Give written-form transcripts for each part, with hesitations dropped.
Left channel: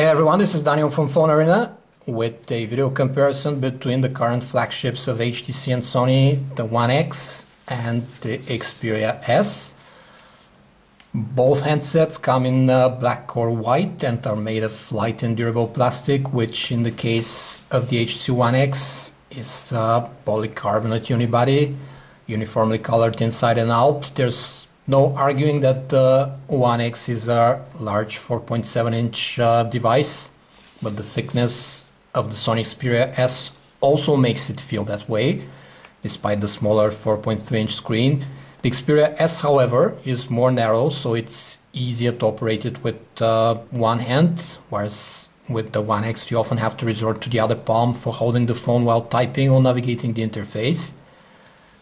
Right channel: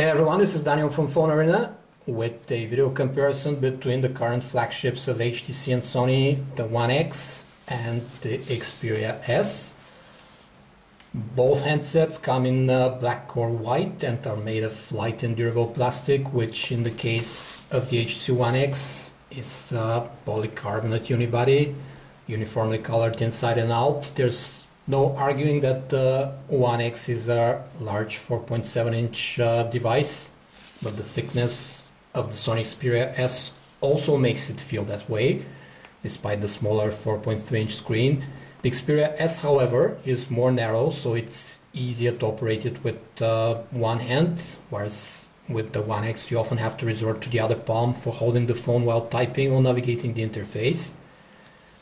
Hey everyone, this is Daniel from PhoneArena with a video comparison between the current flagships of HTC and Sony, the One X and the Xperia S. Both handsets come in black or white and are made of light and durable plastic, which in the case of the HTC One X is polycarbonate unibody, uniformly colored inside and out. There's no arguing that the One X is a large 4.7-inch device, but the thickness of the Sony Xperia S also makes it feel that way, despite the smaller 4.3-inch screen. The Xperia S, however, is more narrow, so it's easier to operate it with one hand, whereas with the One X you often have to resort to the other palm for holding the phone while typing or navigating the interface.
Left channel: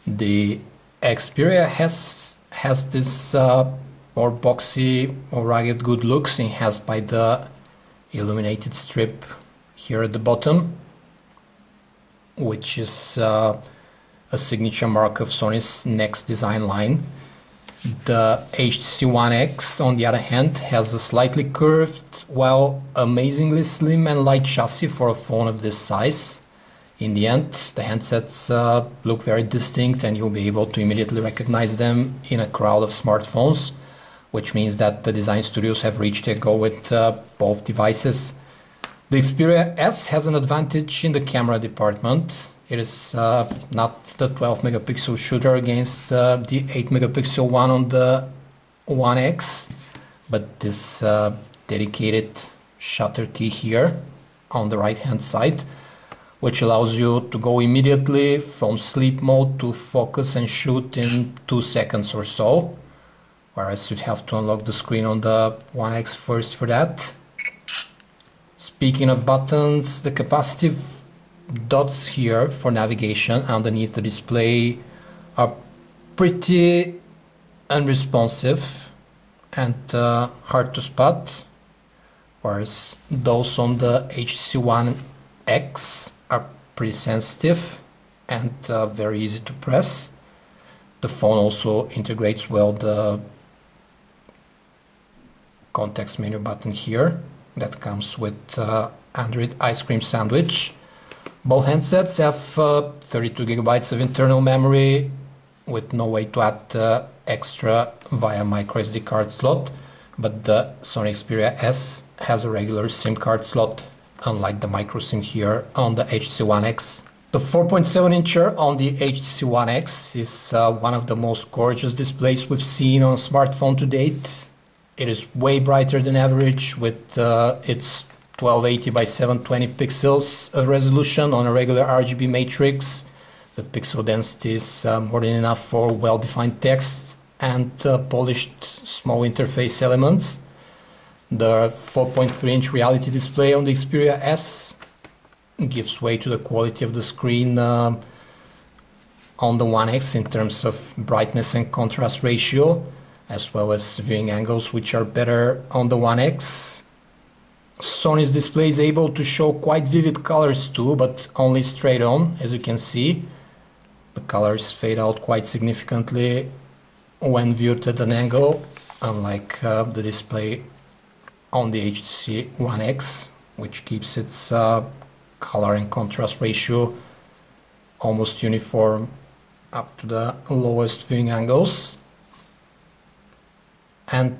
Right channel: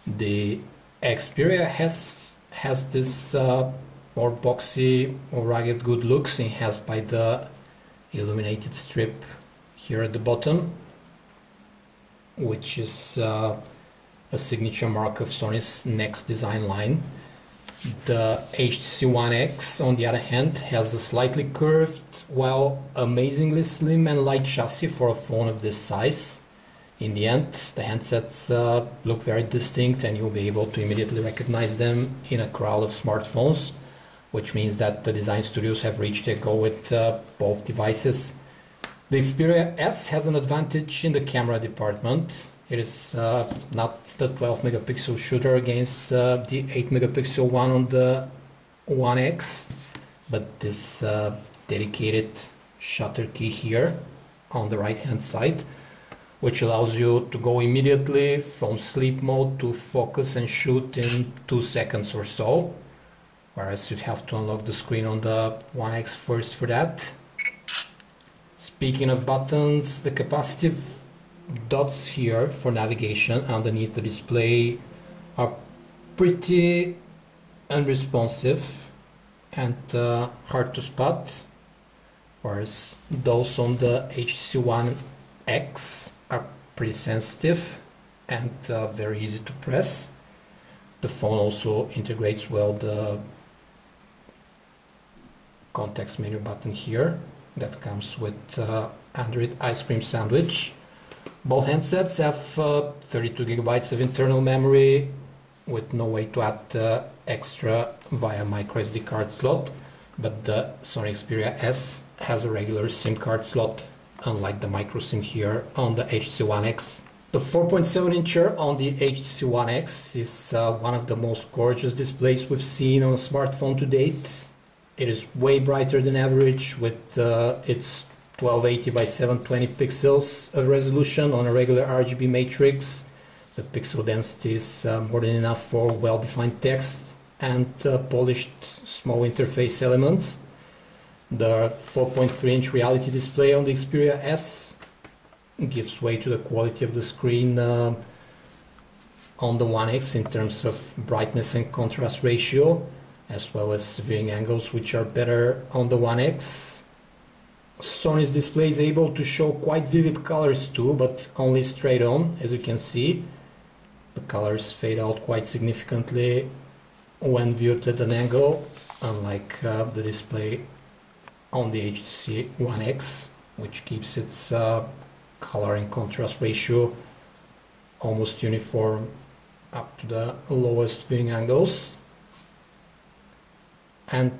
The Xperia has this more boxy or rugged good looks, enhanced by the illuminated strip here at the bottom, which is a signature mark of Sony's next design line. The HTC One X, on the other hand, has a slightly curved, while amazingly slim and light chassis for a phone of this size. In the end, the handsets look very distinct and you'll be able to immediately recognize them in a crowd of smartphones, which means that the design studios have reached their goal with both devices. The Xperia S has an advantage in the camera department. It is not the 12 megapixel shooter against the 8 megapixel one on the One X, but this dedicated shutter key here on the right hand side, which allows you to go immediately from sleep mode to focus and shoot in 2 seconds or so, whereas you'd have to unlock the screen on the One X first for that. Speaking of buttons, the capacitive dots here for navigation underneath the display are pretty unresponsive and hard to spot, whereas those on the HTC One X are pretty sensitive and very easy to press. The phone also integrates well the context menu button here that comes with Android ice cream sandwich. Both handsets have 32 gigabytes of internal memory with no way to add extra via micro SD card slot, but the Sony Xperia S has a regular SIM card slot, unlike the micro SIM here on the HTC One X. The 4.7-incher on the HTC One X is one of the most gorgeous displays we've seen on a smartphone to date. It is way brighter than average with its 1280 by 720 pixels of resolution on a regular RGB matrix. The pixel density is more than enough for well-defined text and polished small interface elements. The 4.3-inch reality display on the Xperia S gives way to the quality of the screen on the One X in terms of brightness and contrast ratio, as well as viewing angles, which are better on the One X. Sony's display is able to show quite vivid colors too, but only straight on, as you can see. The colors fade out quite significantly when viewed at an angle, unlike the display on the HTC One X, which keeps its color and contrast ratio almost uniform up to the lowest viewing angles. And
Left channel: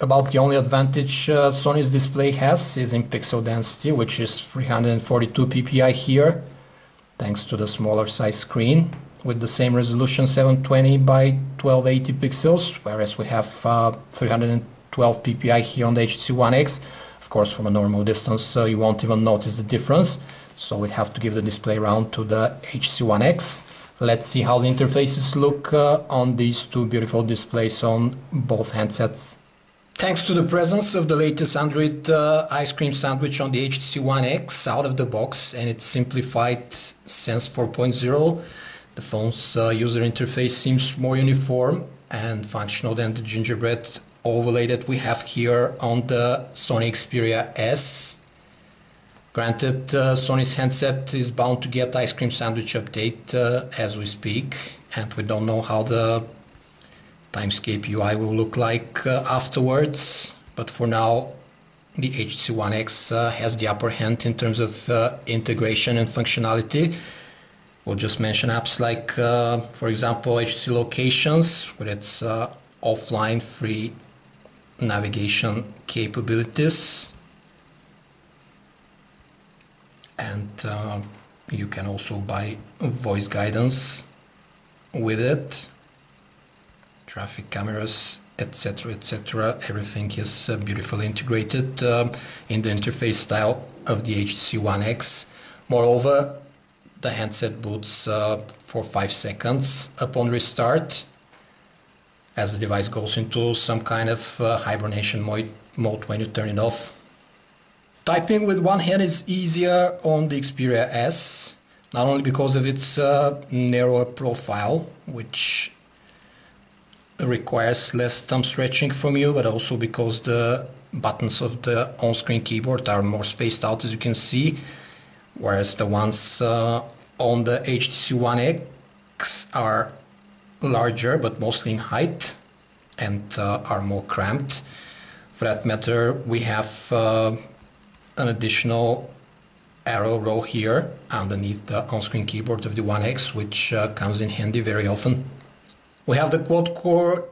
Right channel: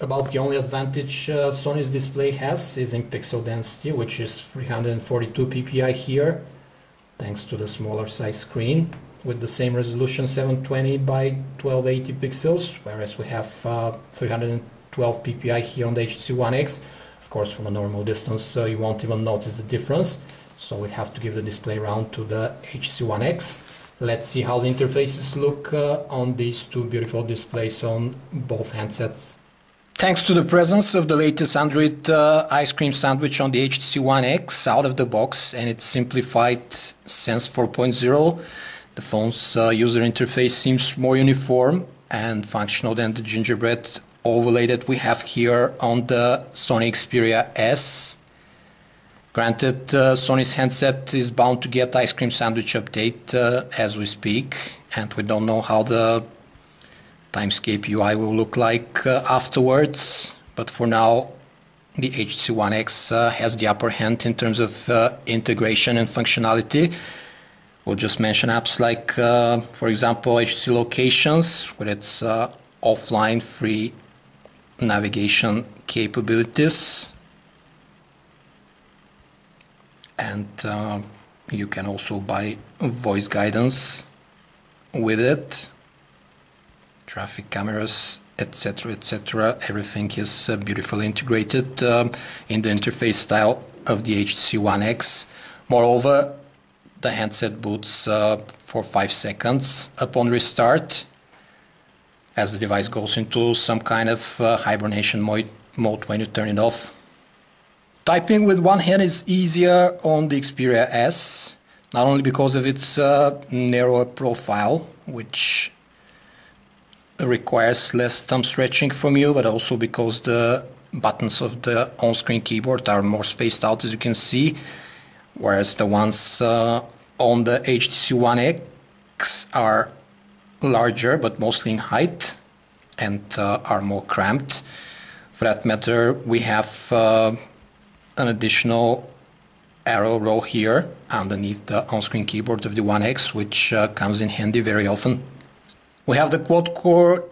about the only advantage Sony's display has is in pixel density, which is 342 ppi here, thanks to the smaller size screen with the same resolution 720 by 1280 pixels, whereas we have 312 ppi here on the HTC One X. Of course, from a normal distance you won't even notice the difference, so we'd have to give the display round to the HTC One X. Let's see how the interfaces look on these two beautiful displays on both handsets. Thanks to the presence of the latest Android ice cream sandwich on the HTC One X out of the box and its simplified Sense 4.0, the phone's user interface seems more uniform and functional than the gingerbread overlay that we have here on the Sony Xperia S. Granted, Sony's handset is bound to get ice cream sandwich update as we speak, and we don't know how the Timescape UI will look like afterwards, but for now the HTC One X has the upper hand in terms of integration and functionality. We'll just mention apps like, for example, HTC Locations with its offline free navigation capabilities. And you can also buy voice guidance with it, traffic cameras, etc, etc. Everything is beautifully integrated in the interface style of the HTC One X. Moreover, the handset boots for 5 seconds upon restart as the device goes into some kind of hibernation mode when you turn it off. Typing with one hand is easier on the Xperia S, not only because of its narrower profile, which requires less thumb stretching from you, but also because the buttons of the on-screen keyboard are more spaced out, as you can see, whereas the ones on the HTC One X are larger, but mostly in height, and are more cramped. For that matter, we have an additional arrow row here underneath the on-screen keyboard of the One X, which comes in handy very often. We have the quad-core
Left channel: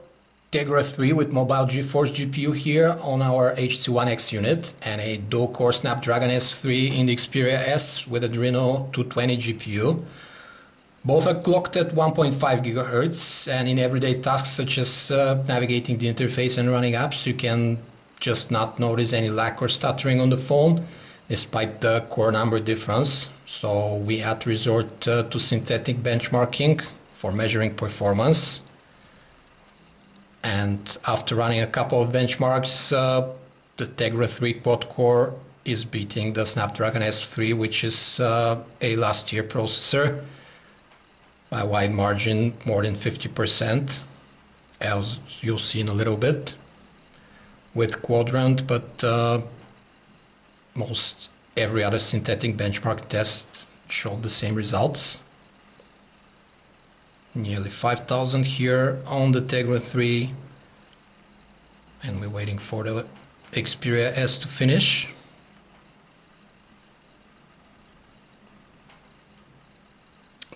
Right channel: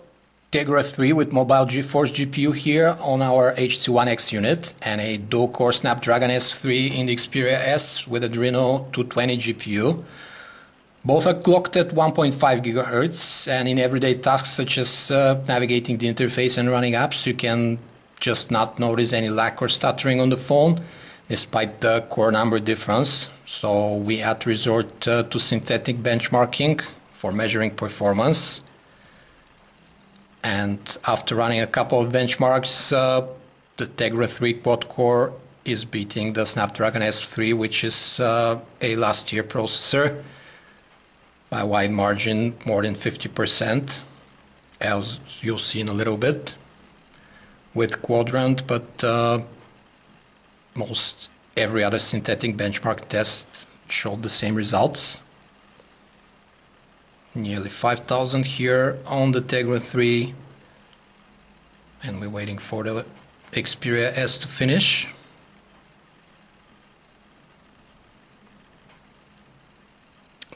Tegra 3 with mobile GeForce GPU here on our HTC One X unit, and a dual-core Snapdragon S3 in the Xperia S with Adreno 220 GPU. Both are clocked at 1.5 GHz, and in everyday tasks such as navigating the interface and running apps, you can just not notice any lag or stuttering on the phone, despite the core number difference. So we had to resort to synthetic benchmarking for measuring performance. And after running a couple of benchmarks, the Tegra 3 quad-core is beating the Snapdragon S3, which is a last year processor, by a wide margin, more than 50%, as you'll see in a little bit, with Quadrant, but most every other synthetic benchmark test showed the same results. Nearly 5,000 here on the Tegra 3, and we're waiting for the Xperia S to finish.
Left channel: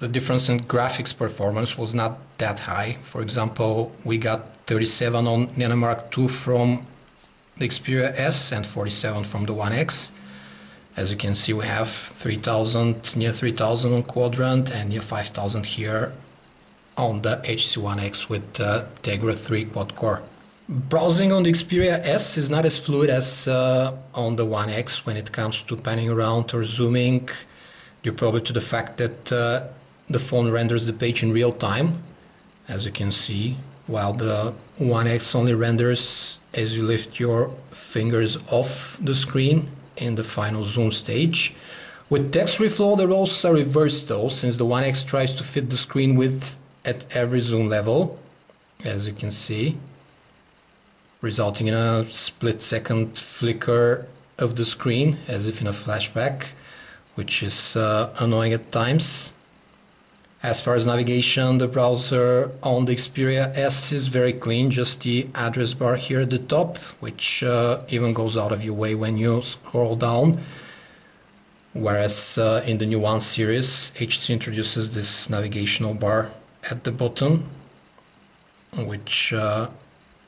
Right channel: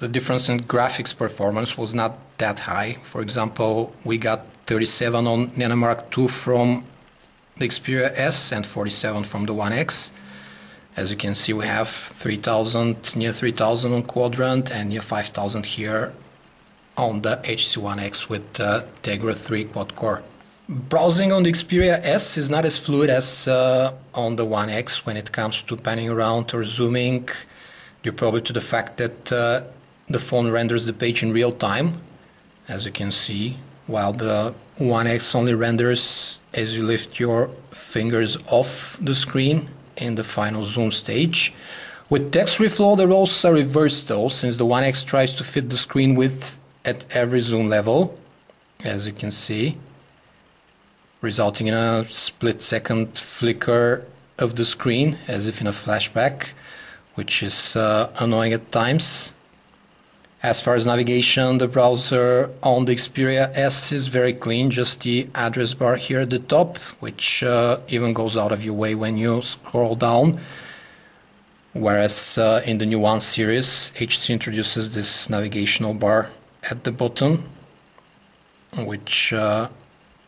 The difference in graphics performance was not that high. For example, we got 37 on Nanomark 2 from the Xperia S and 47 from the One X. As you can see, we have 3,000, near 3,000 on Quadrant and near 5,000 here on the HTC One X with Tegra 3 quad-core. Browsing on the Xperia S is not as fluid as on the One X when it comes to panning around or zooming, due probably to the fact that the phone renders the page in real time, as you can see, while the One X only renders as you lift your fingers off the screen in the final zoom stage. With text reflow, the roles are reversed though, since the One X tries to fit the screen width at every zoom level, as you can see, resulting in a split-second flicker of the screen, as if in a flashback, which is annoying at times. As far as navigation, the browser on the Xperia S is very clean, just the address bar here at the top, which even goes out of your way when you scroll down. Whereas in the new One series, HTC introduces this navigational bar at the bottom, which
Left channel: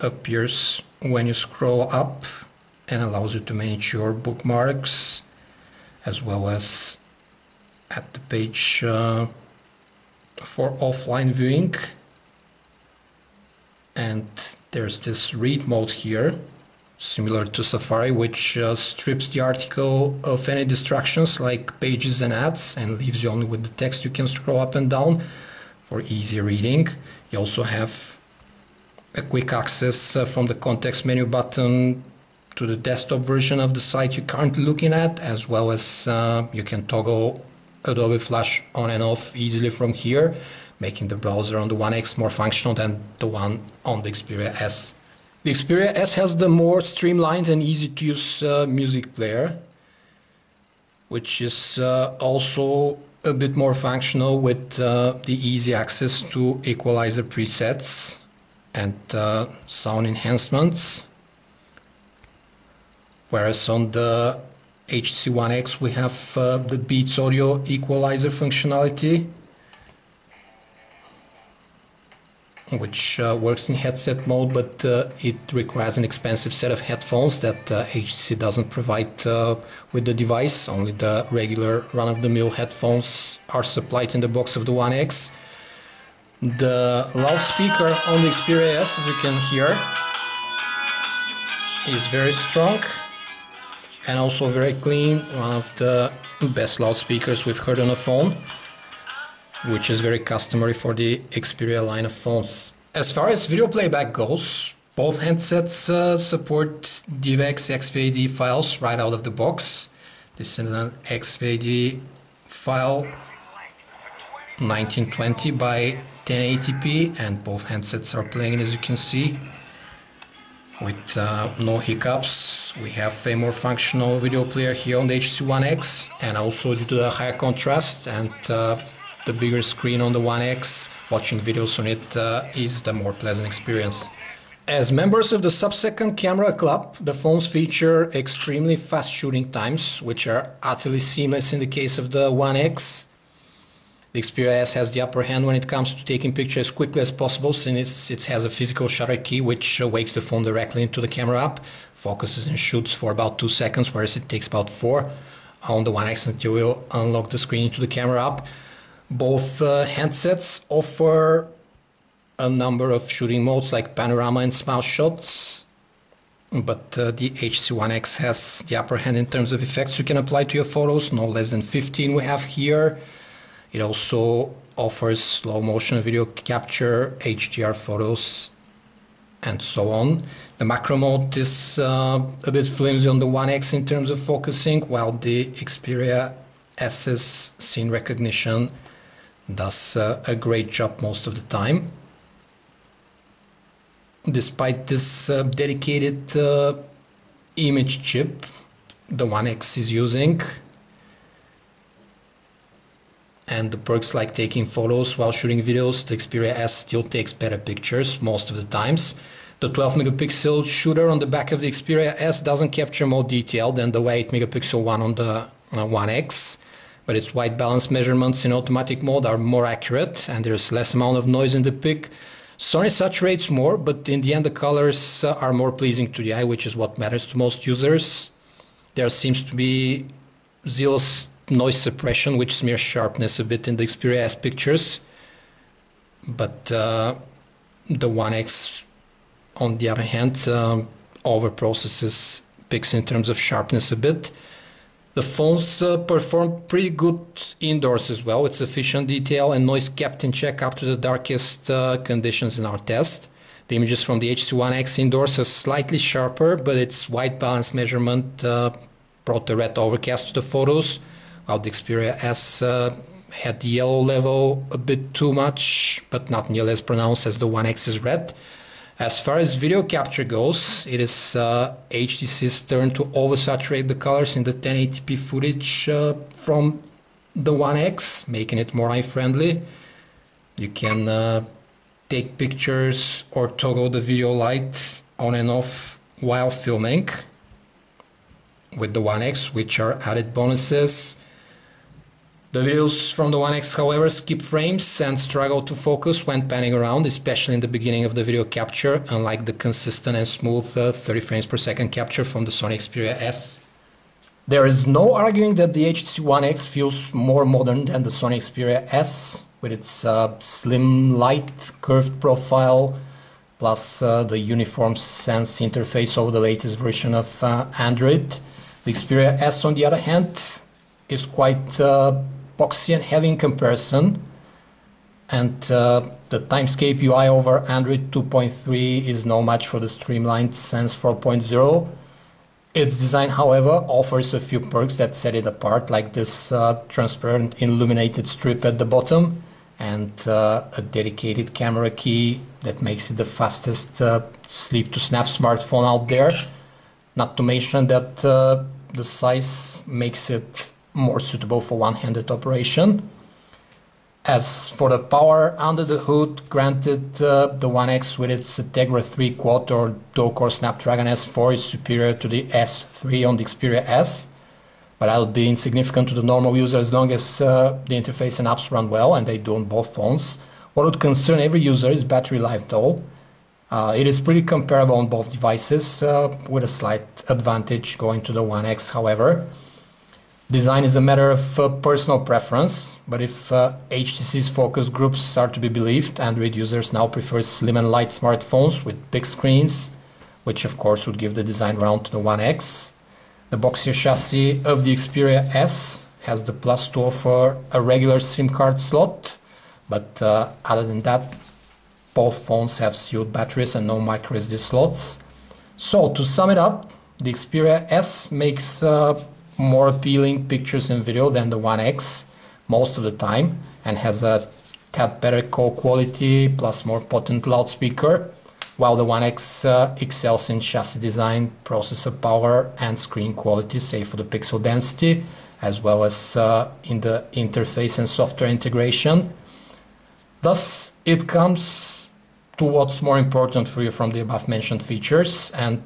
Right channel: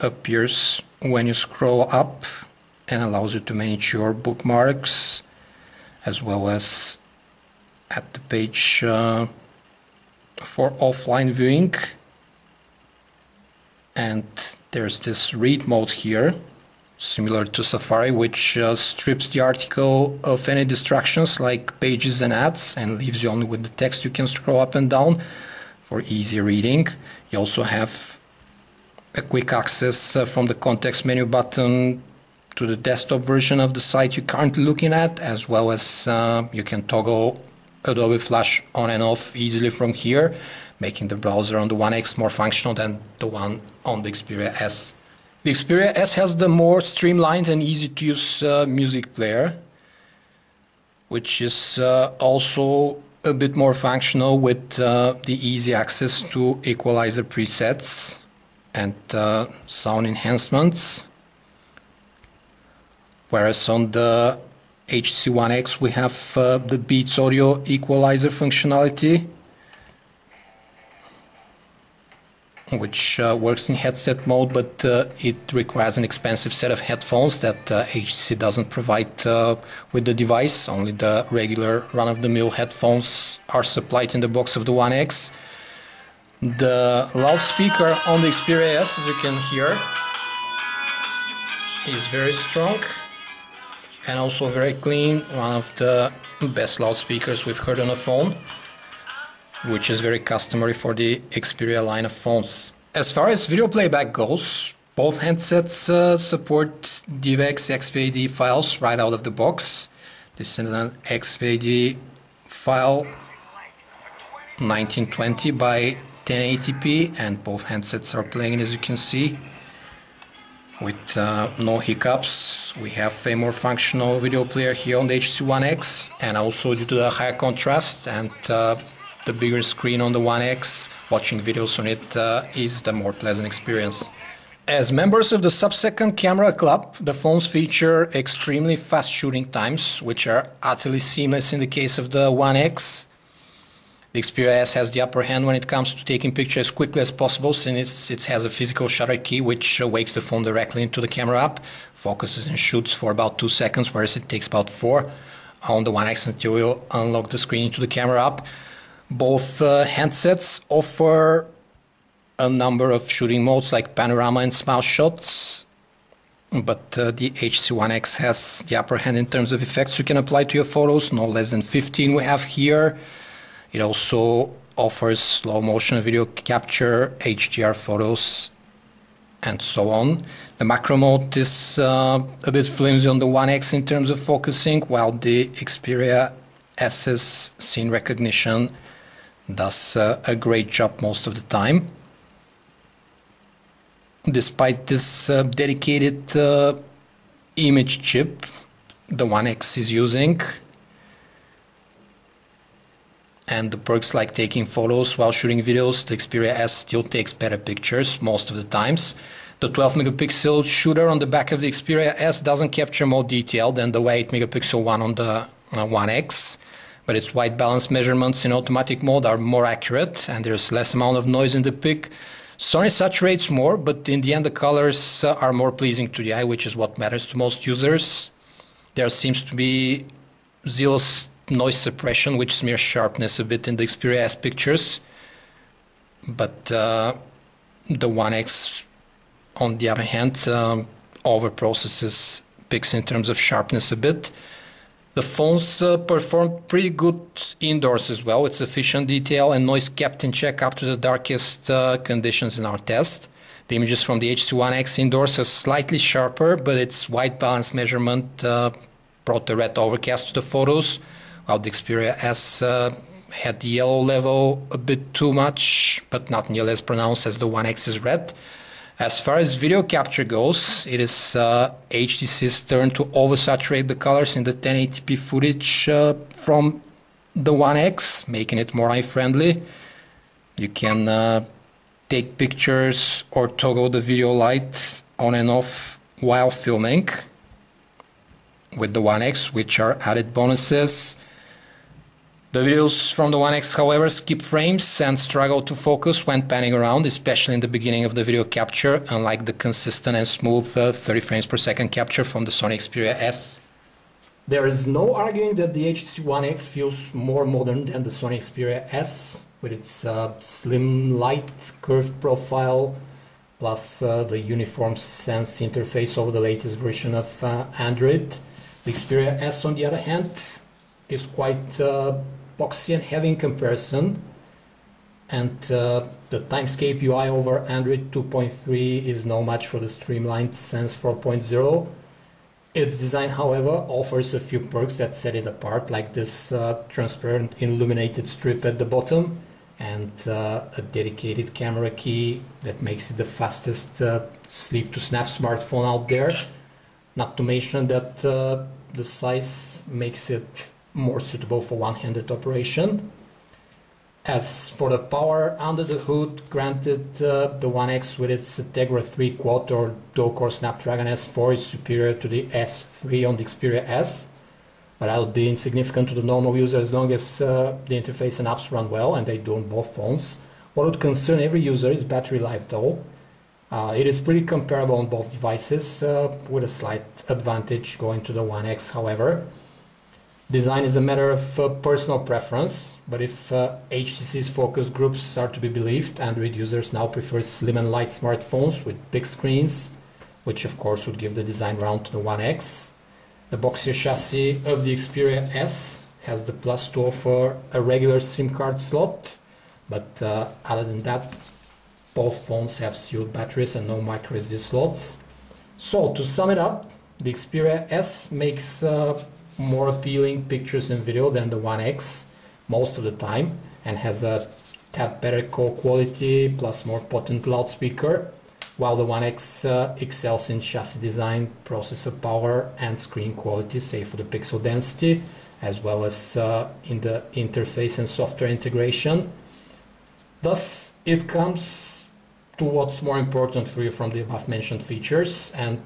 appears when you scroll up and allows you to manage your bookmarks, as well as at the page for offline viewing. And there's this read mode here, similar to Safari, which strips the article of any distractions like pages and ads and leaves you only with the text you can scroll up and down for easy reading. You also have a quick access from the context menu button to the desktop version of the site you're currently looking at, as well as you can toggle Adobe Flash on and off easily from here, making the browser on the One X more functional than the one on the Xperia S. The Xperia S has the more streamlined and easy to use music player, which is also a bit more functional with the easy access to equalizer presets and sound enhancements. whereas on the HTC One X we have the Beats audio equalizer functionality, which works in headset mode, but it requires an expensive set of headphones that HTC doesn't provide with the device. Only the regular run-of-the-mill headphones are supplied in the box of the One X. The loudspeaker on the Xperia S, as you can hear, is very strong and also very clean, one of the best loudspeakers we've heard on a phone, which is very customary for the Xperia line of phones. As far as video playback goes, both handsets support DivX XVAD files right out of the box. This is an XVAD file 1920 by 1080p, and both handsets are playing, as you can see, with no hiccups. We have a more functional video player here on the HTC One X, and also due to the higher contrast and the bigger screen on the One X, watching videos on it is the more pleasant experience. As members of the sub-second camera club, the phones feature extremely fast shooting times, which are utterly seamless in the case of the One X. The Xperia S has the upper hand when it comes to taking pictures as quickly as possible, since it has a physical shutter key which wakes the phone directly into the camera app, focuses and shoots for about 2 seconds, whereas it takes about 4 on the One X until you unlock the screen into the camera app. Both handsets offer a number of shooting modes like panorama and smile shots, but the HTC One X has the upper hand in terms of effects you can apply to your photos, no less than 15 we have here. It also offers slow motion video capture, HDR photos, and so on. The macro mode is a bit flimsy on the One X in terms of focusing, while the Xperia S's scene recognition does a great job most of the time. Despite this dedicated image chip the One X is using, and the perks like taking photos while shooting videos, the Xperia S still takes better pictures most of the times. The 12 megapixel shooter on the back of the Xperia S doesn't capture more detail than the 8 megapixel one on the One X, but its white balance measurements in automatic mode are more accurate and there's less amount of noise in the pic. Sony saturates more, but in the end the colors are more pleasing to the eye, which is what matters to most users. There seems to be zero noise suppression, which smears sharpness a bit in the Xperia S pictures, but the One X, on the other hand, over-processes pics in terms of sharpness a bit. The phones perform pretty good indoors as well, with sufficient detail and noise kept in check up to the darkest conditions in our test. The images from the HTC One X indoors are slightly sharper, but its white balance measurement brought the red overcast to the photos, while the Xperia S had the yellow level a bit too much, but not nearly as pronounced as the One X's red. As far as video capture goes, it is HTC's turn to oversaturate the colors in the 1080p footage from the One X, making it more eye-friendly. You can take pictures or toggle the video light on and off while filming with the One X, which are added bonuses. The videos from the One X, however, skip frames and struggle to focus when panning around, especially in the beginning of the video capture, unlike the consistent and smooth 30 frames per second capture from the Sony Xperia S. There is no arguing that the HTC One X feels more modern than the Sony Xperia S, with its slim, light, curved profile, plus the uniform Sense interface over the latest version of Android. The Xperia S, on the other hand, is quite boxy and heavy in comparison, and the Timescape UI over Android 2.3 is no match for the streamlined Sense 4.0. Its design, however, offers a few perks that set it apart, like this transparent illuminated strip at the bottom and a dedicated camera key that makes it the fastest sleep to snap smartphone out there. Not to mention that the size makes it more suitable for one-handed operation. As for the power under the hood, granted, the One X with its Tegra 3-quad or dual-core Snapdragon S4 is superior to the S3 on the Xperia S, but that'll be insignificant to the normal user as long as the interface and apps run well, and they do on both phones. What would concern every user is battery life though. It is pretty comparable on both devices, with a slight advantage going to the One X, however. Design is a matter of personal preference, but if HTC's focus groups are to be believed, Android users now prefer slim and light smartphones with big screens, which of course would give the design round to the One X. The boxier chassis of the Xperia S has the plus to offer a regular SIM card slot, but other than that, both phones have sealed batteries and no micro SD slots. So to sum it up, the Xperia S makes more appealing pictures and video than the One X most of the time, and has a tad better call quality plus more potent loudspeaker, while the One X excels in chassis design, processor power and screen quality, save for the pixel density, as well as in the interface and software integration. Thus it comes to what's more important for you from the above mentioned features, and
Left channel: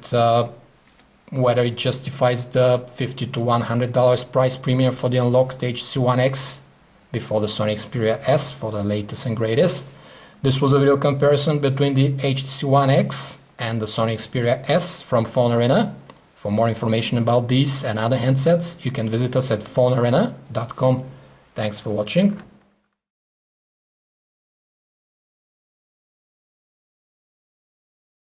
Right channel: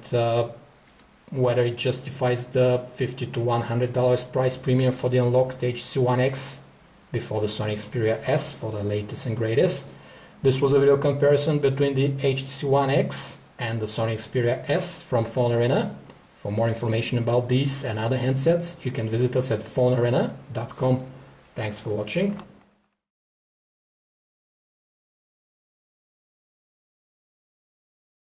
whether it justifies the $50 to $100 price premium for the unlocked HTC One X before the Sony Xperia S for the latest and greatest. This was a video comparison between the HTC One X and the Sony Xperia S from PhoneArena. For more information about these and other handsets, you can visit us at phonearena.com. Thanks for watching.